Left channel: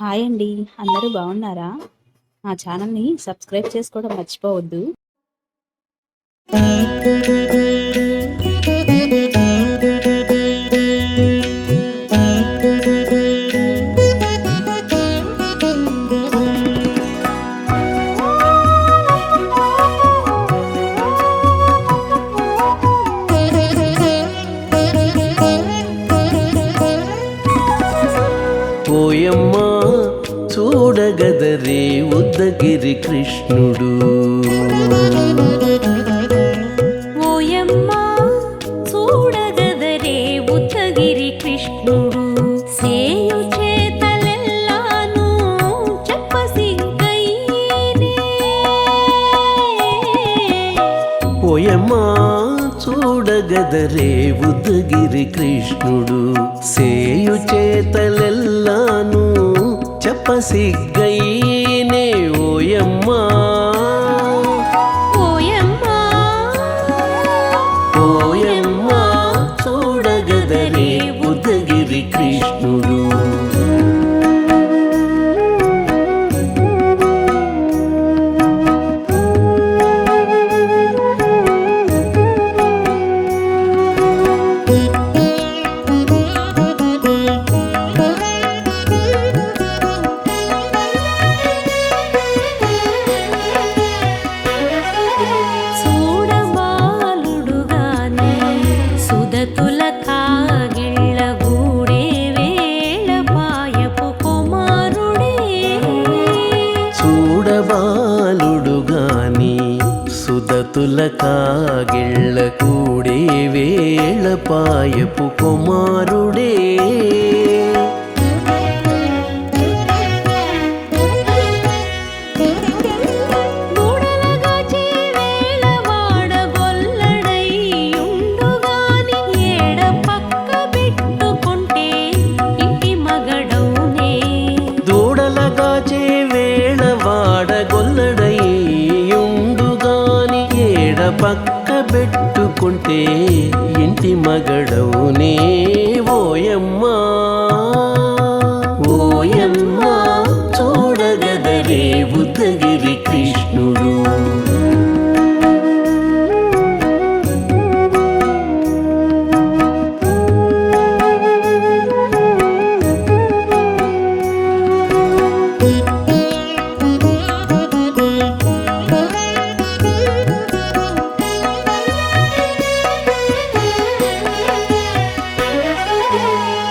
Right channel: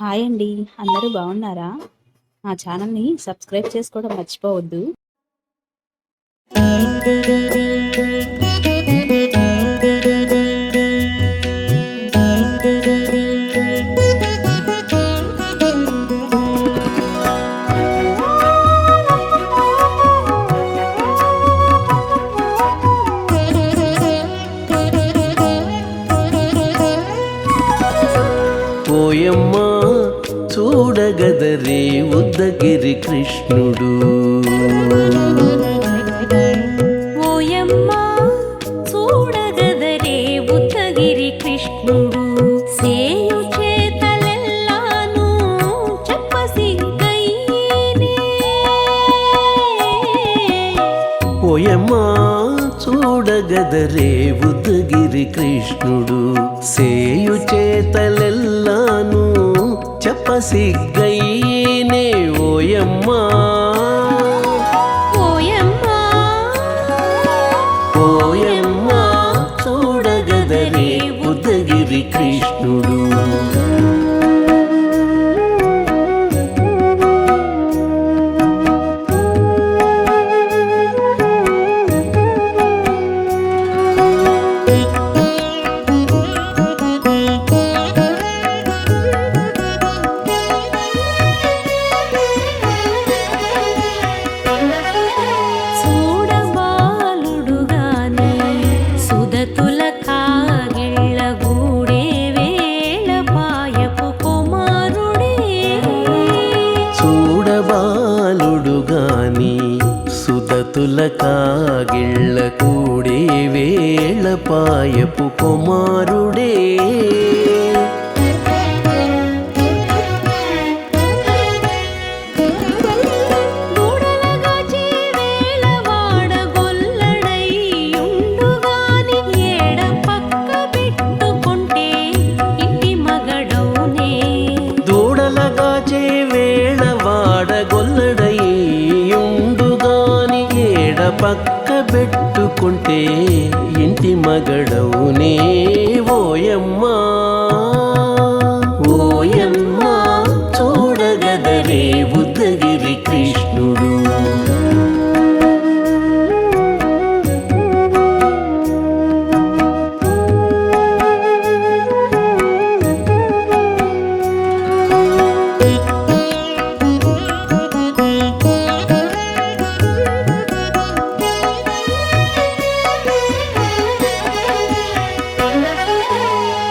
Hi అండి. అందరూ బాగున్నారా? మా ఛానల్‌ని సబ్స్క్రైబ్ చేసుకోవడం మర్చిపోవద్దు. ఓయమ్మా చూడగదరే ఉద్దగిరి కృష్ణుడు. ఓయమ్మా చూడగదరే ఉద్దగిరి కృష్ణుడు. సేయు చేతలెల్లాను చెప్పసిగ్గయ్యేనే. ఓయమ్మా చూడగదరే ఉద్దగిరి కృష్ణుడు. సేయు చేతలెల్లాను చెప్పసిగ్గయ్యేనే. ఓయమ్మా ఓయమ్మా ఓయమ్మా చూడగదరే ఉద్దగిరి కృష్ణుడు. చూడబాలుడుగాని సుదతుల కాగిళ్ళ గూడే వేళ పాయపు కుమారుడే. చూడబాలుడుగాని సుదతుల కాగిళ్ళ కూడే వేళ పాయపు కుమారుడే. దూడలగాచే వేళ వాడగొల్లడయ్యుండుగాని ఏడ పక్క పెట్టుకుంటే ఇంటి మగడౌనే. దూడలగాచే వేళ వాడగొల్లడయ్యుండుగాని ఏడ పక్క పెట్టుకుంటే ఇంటి మగడవునే. ఓయమ్మా ఓయమ్మా చూడగదరే ఉద్దగిరి కృష్ణుడు.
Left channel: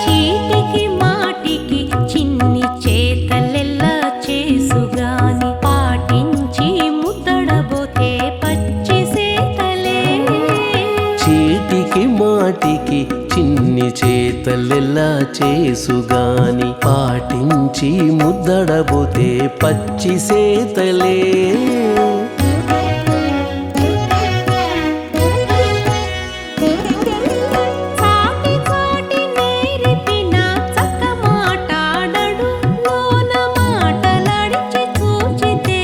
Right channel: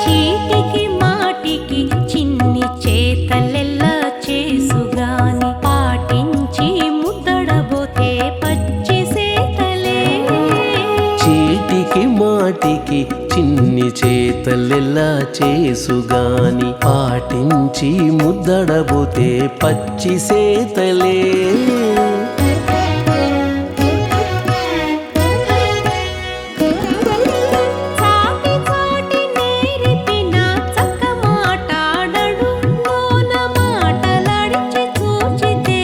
చీటికి మాటికి చిన్ని చేతలెల్లా చేసుగాని పాటించి ముద్దడబోతే పచ్చి సేతలే. చీటికి మాటికి చిన్ని చేతలెల్లా చేసుగాని పాటించి ముద్దడబోతే పచ్చి సేతలే. చాటి చాటి నేర్పిన చక్క మాటాడడు లోన మాటలాడించి చూచితే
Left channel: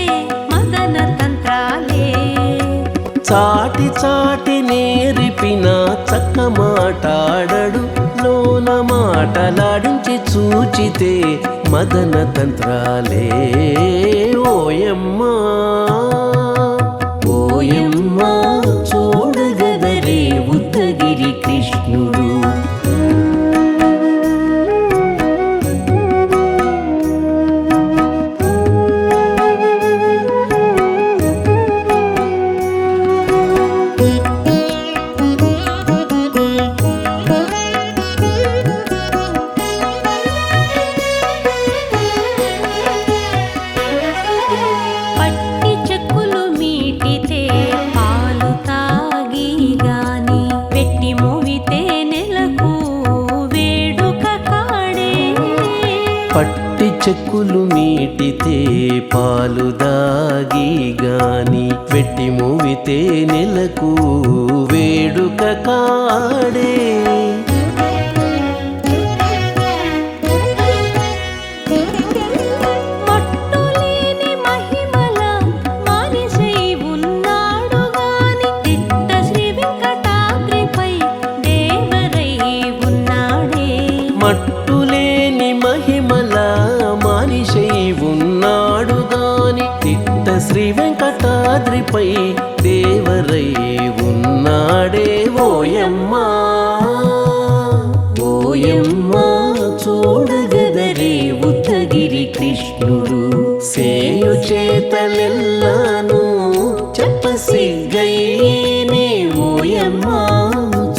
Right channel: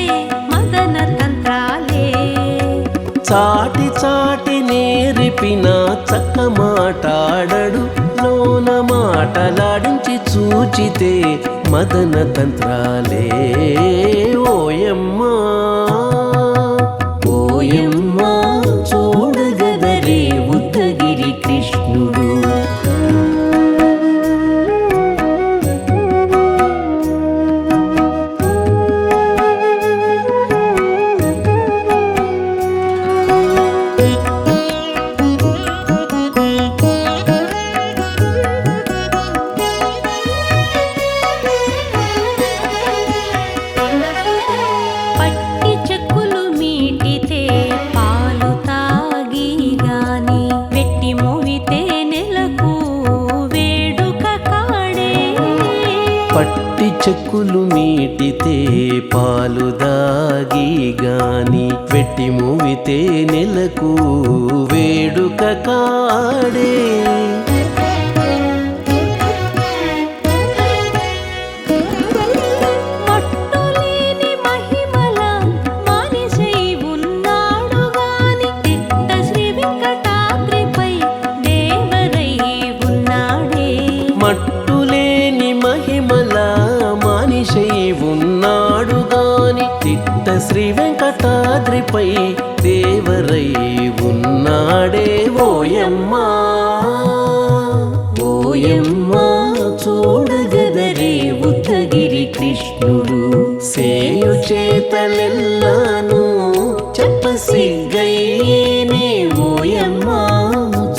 మదన తంత్రాలే. చాటి చాటి నేర్పిన చక్క మాటాడడు లోన మాటలాడించి చూచితే మదన తంత్రాలే. ఓయమ్మా ఓయమ్మా చూడగదరే ఉద్దగిరి కృష్ణుడు. పట్టి చెక్కులు మీటితే పాలు తాగి గాని వెట్టి మోవితే నెలకు వేడుక కాడే. పట్టి చెక్కులు మీటితే పాలు దాగి గాని వెట్టి మూవితే నెలకు వేడుక కాడే. మట్టులేని మహిమల మానిషై ఉన్నాడు గాని తిట్ట శ్రీ వెంకటాద్రిపై దేవరై ఉన్నాడే. మట్టులేని మహిమ మహిమల మానిషై ఉన్నాడు గాని తిట్ట శ్రీ వెంకటాద్రిపై దేవరై ఉన్నాడే ఓయమ్మా ఓయమ్మా చూడగదరే ఉద్దగిరి కృష్ణుడు సేయు చేతలెల్లాను చెప్పసిగ్గైనే ఓయమ్మా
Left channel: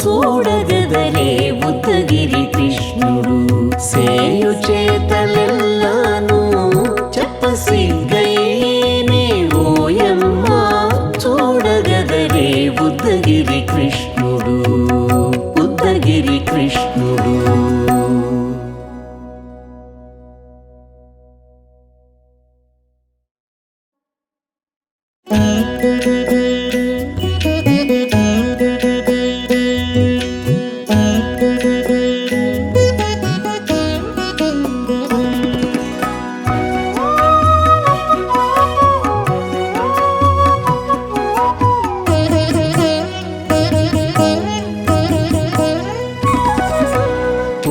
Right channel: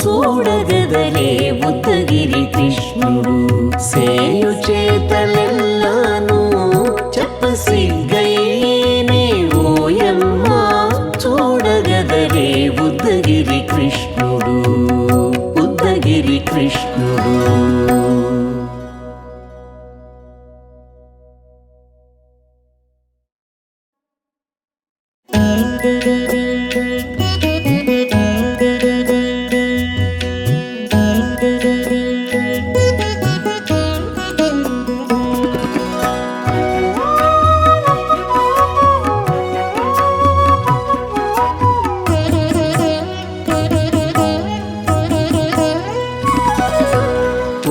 చూడగదరే ఉద్దగిరి కృష్ణుడు సేయు చేతలెల్లాను చెప్పసిగ్గైనే ఓయమ్మా చూడగదరే ఉద్దగిరి కృష్ణుడు ఉద్దగిరి కృష్ణుడు.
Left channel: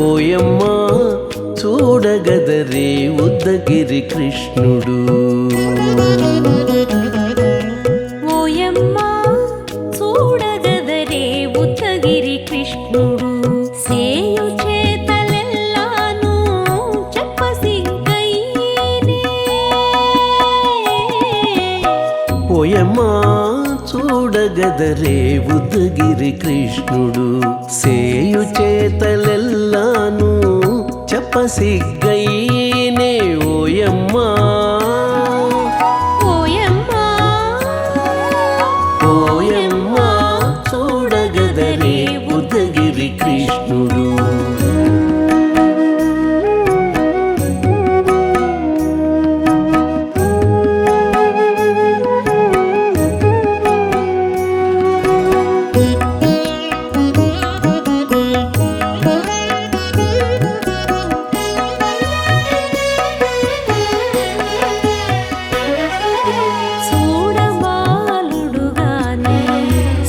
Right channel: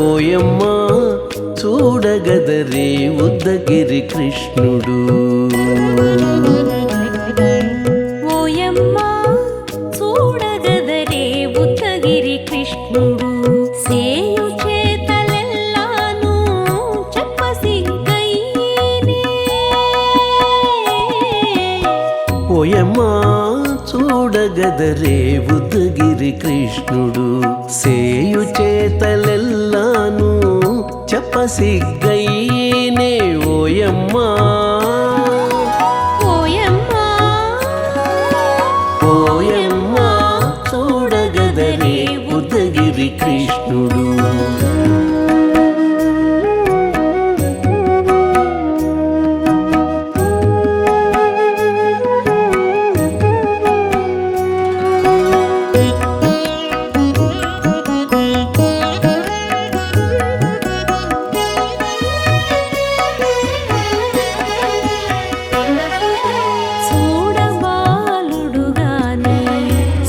ఓయమ్మా చూడగదరే ఉద్దగిరి కృష్ణుడు ఓయమ్మా చూడగదరే ఉద్దగిరి కృష్ణుడు సేయు చేతలెల్లాను చెప్పసిగ్గైనే ఓయమ్మా చూడగదరే ఉద్దగిరి కృష్ణుడు సేయు చేతలెల్లాను చెప్పసిగ్గైనే ఓయమ్మా ఓయమ్మా ఓయమ్మా చూడగదరే ఉద్దగిరి కృష్ణుడు.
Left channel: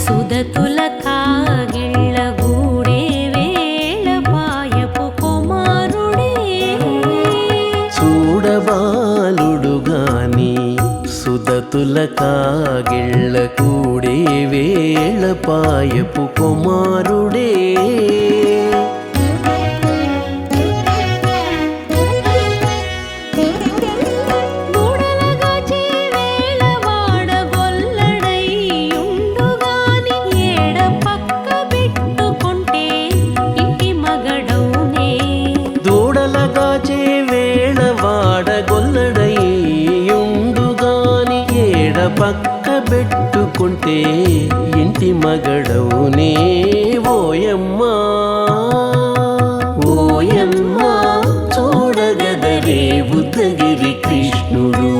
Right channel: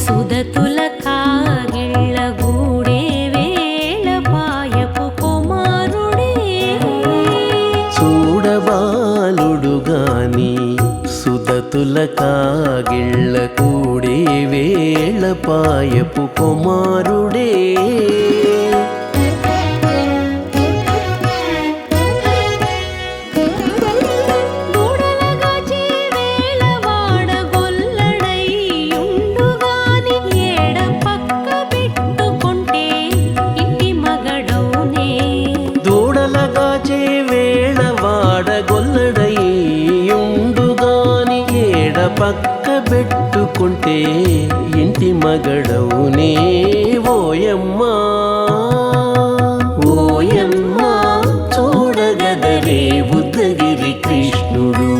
సుదతుల కాగిళ్ళ గూడే వేళ పాయపు కుమారుడే చూడబాలుడు గాని సుదతుల కాగిళ్ళ కూడే వేళ పాయపు కుమారుడే దూడలగాచే వేళ వాడగొల్లడయ్యుండుగాని ఏడ పక్క పెట్టుకుంటే ఇంటి మగడవునే ఓయమ్మా ఓయమ్మా చూడగదరే ఉద్దగిరి కృష్ణుడు.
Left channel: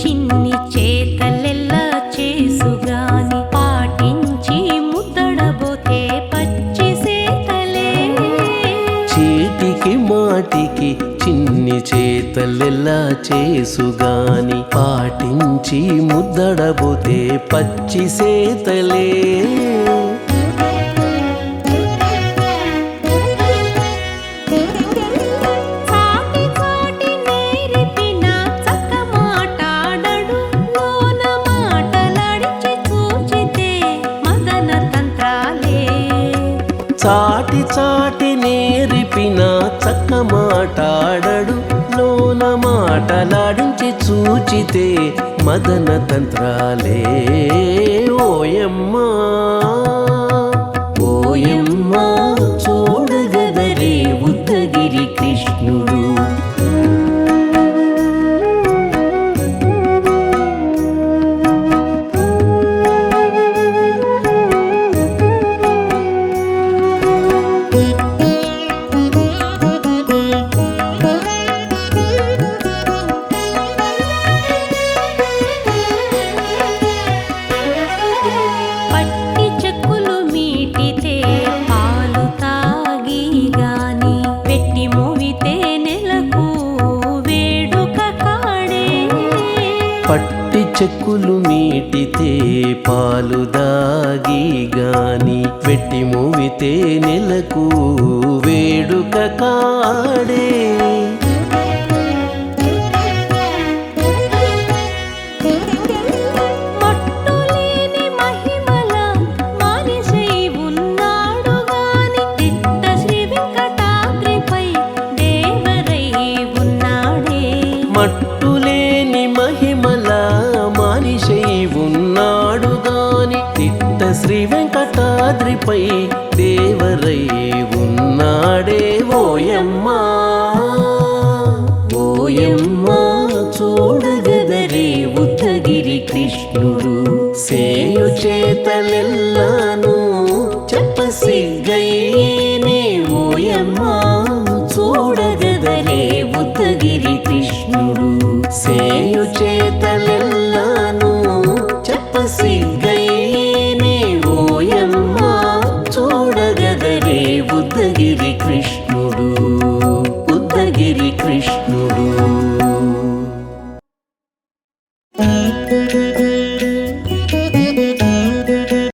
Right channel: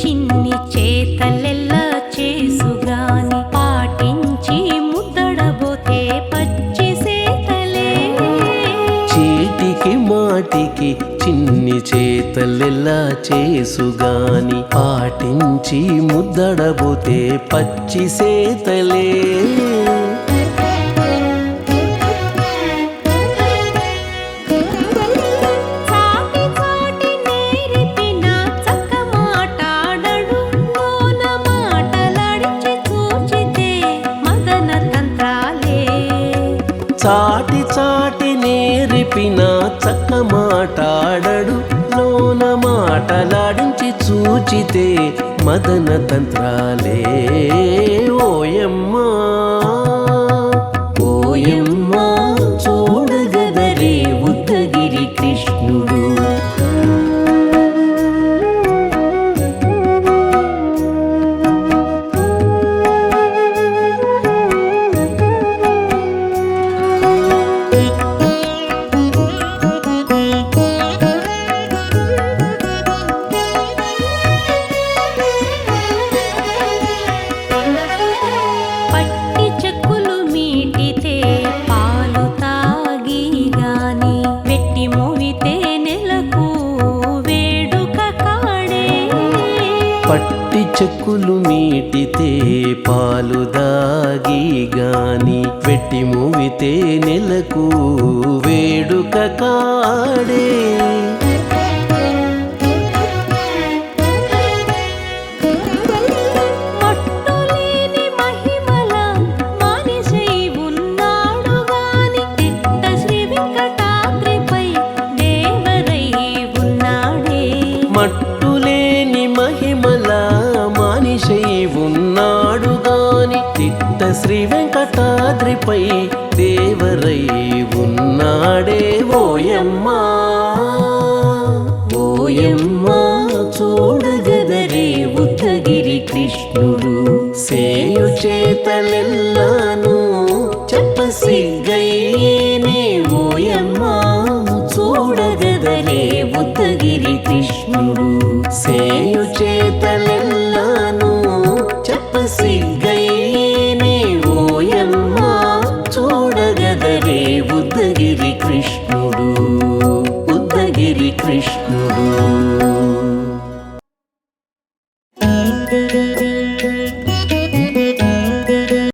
చిన్ని చేతలెల్లా చేసుగాని పాటించి ముద్దడబోతే పచ్చి సేతలే చీటికి మాటికి చిన్ని చేతలెల్లా చేసుగాని పాటించి ముద్దడబోతే పచ్చి సేతలే చాటి చాటి నేరిపిన చక్క మాటాడడు లోన మాటలాడించి చూచితే మదన తంత్రాలే ఓయమ్మా ఓయమ్మా చూడగదరే ఉద్దగిరి కృష్ణుడు. పట్టి చెక్కులు మీటితే పాలు తాగి గాని వెట్టి మోవితే నెలకు వేడుక కాడే. పట్టి చెక్కులు మీటితే పాలు దాగి గాని వెట్టి మూవితే నెలకు వేడుక కాడే. మట్టులేని మహిమల మానిషై ఉన్నాడు గాని తిట్ట శ్రీ వెంకటాద్రిపై దేవరై ఉన్నాడే. మట్టులేని మహిమల మానిషై ఉన్నాడు గాని తిట్ట శ్రీ వెంకటాద్రిపై దేవరై ఉన్నాడే. ఓయమ్మా ఓయమ్మా చూడగదరే ఉద్దగిరి కృష్ణుడు సేయు చేతలెల్లాను చెప్పసిగ్గయ్యేనే. ఓయమ్మా చూడగదరే ఉద్దగిరి కృష్ణుడు సేయు చేతలెల్లాను చెప్పసిగ్గయ్యేనే. ఓయమ్మా చూడగదరే ఉద్దగిరి కృష్ణుడు ఉద్దగిరి కృష్ణుడు.